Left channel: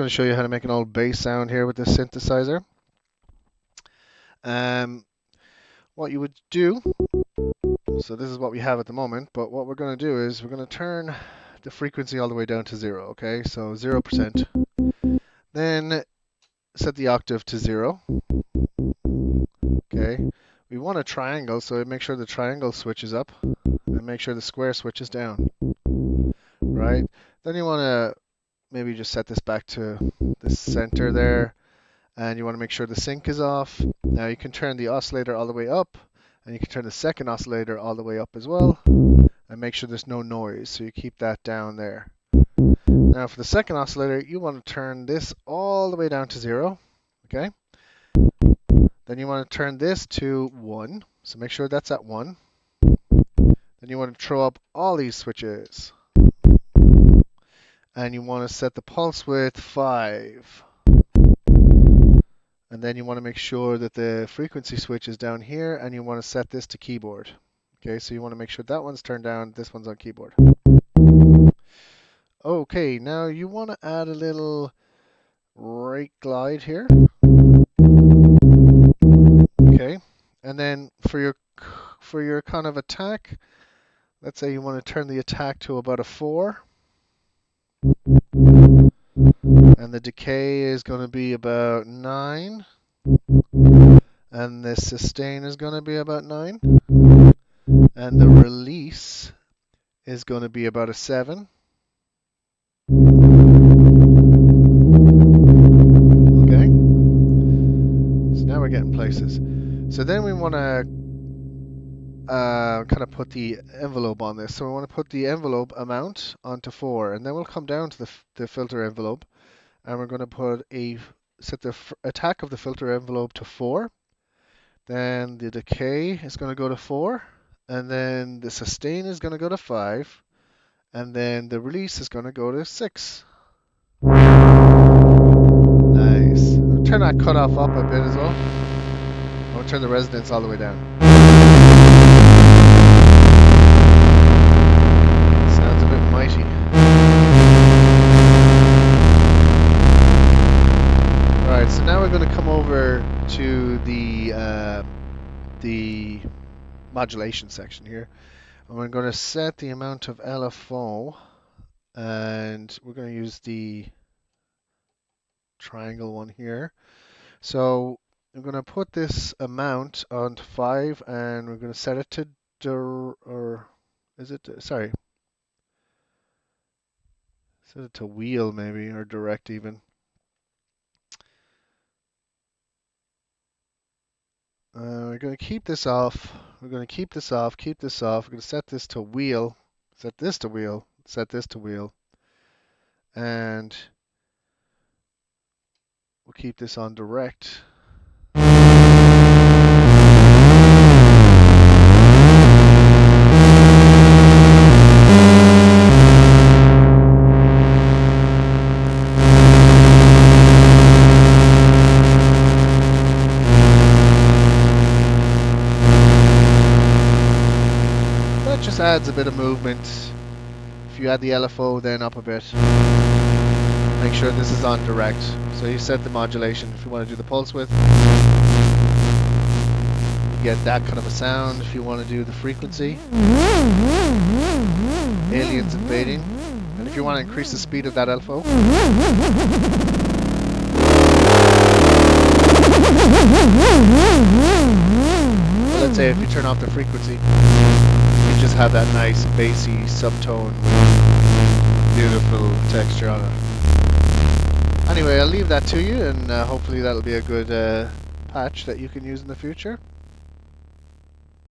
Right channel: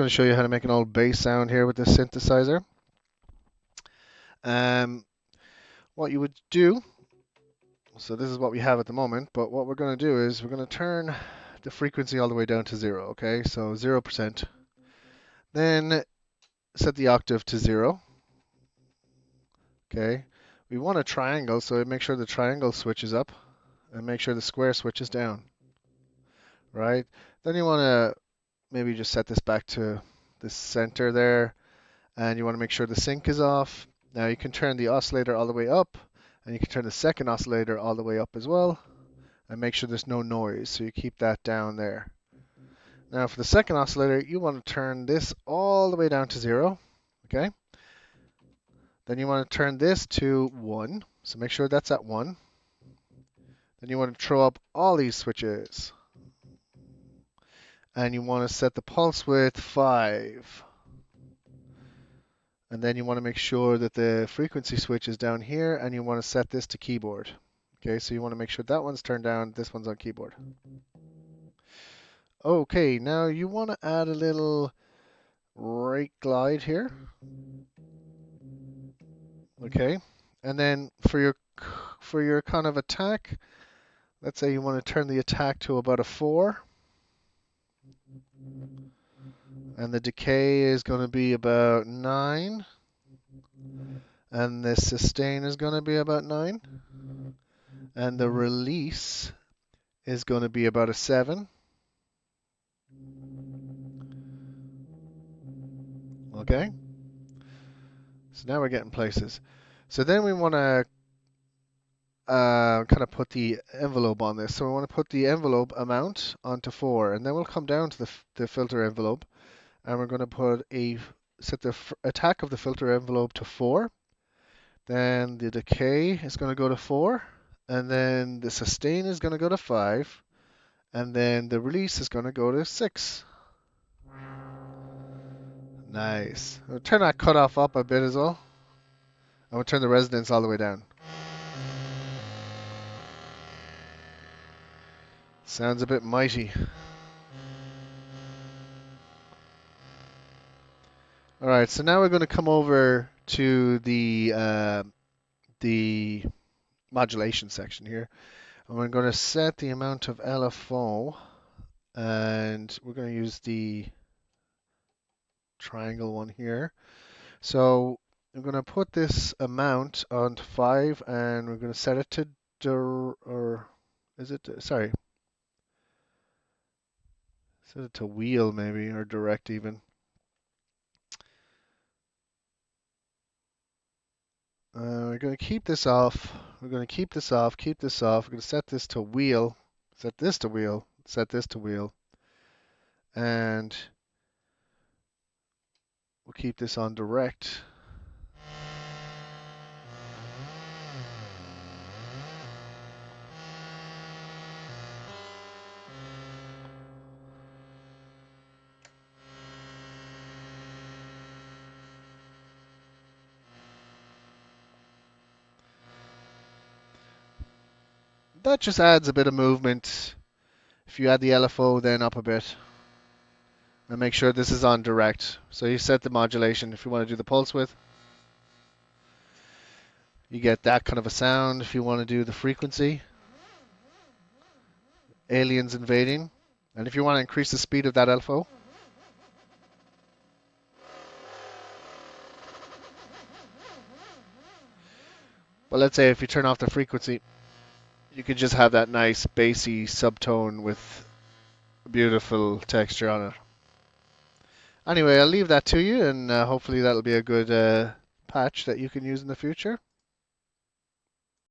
going to show you how to make an old bass sound here with this synthesizer. What you would do, so this is what we have at the moment, but what we're going to do is we're going to turn the frequency all the way down to 0, okay? So 0%. Then set the octave to 0, okay? We want a triangle, so make sure the triangle switches up and make sure the square switches down, right? Then you want to maybe just set this back to the center there, and you want to make sure the sync is off. Now you can turn the oscillator all the way up, and you can turn the second oscillator all the way up as well, and make sure there's no noise, so you keep that down there. Now for the second oscillator, you want to turn this all the way down to 0, okay? Then you want to turn this to 1, so make sure that's at 1. Then you want to throw up all these switches, and you want to set the pulse width 5. And then you want to make sure that the frequency switch is down here, and you want to set this to keyboard. Okay, so you want to make sure that one's turned down, this one's on keyboard. Okay, now you want to add a little right glide here. Okay, and then for your kind of attack, let's say you want to turn the attack to about a 4. And the decay is going to be about 9. And the sustain is going to be about 9. And the release is going to be about a 7. Okay. So now we're getting places. So then we want to kind of put the envelope on this. So we want to put the envelope amount onto 4. And then we'll come down to the filter envelope. And we're going to set the attack of the filter envelope to 4. Then the decay is going to go to 4. And then the sustain is going to go to 5. And then the release is going to go to 6. Nice. I'll turn that cutoff up a bit as well. I'll turn the resonance all the way down. Sounds a bit mighty. Alright, so now we're going to come over to the modulation section here. And we're going to set the amount of LFO, and we're going to use the triangle one here. So we're going to put this amount onto 5, and we're going to set it to set it to wheel maybe, or direct even. We're going to keep this off. We're going to keep this off, keep this off. We're going to set this to wheel, set this to wheel, set this to wheel. And we'll keep this on direct. That just adds a bit of movement. If you add the LFO then up a bit, make sure this is on direct. So you set the modulation. If you want to do the pulse width, you get that kind of a sound. If you want to do the frequency, aliens invading. And if you want to increase the speed of that LFO, well, let's say if you turn off the frequency, you can just have that nice bassy subtone with beautiful texture on it. Anyway, I'll leave that to you, and hopefully that'll be a good patch that you can use in the future.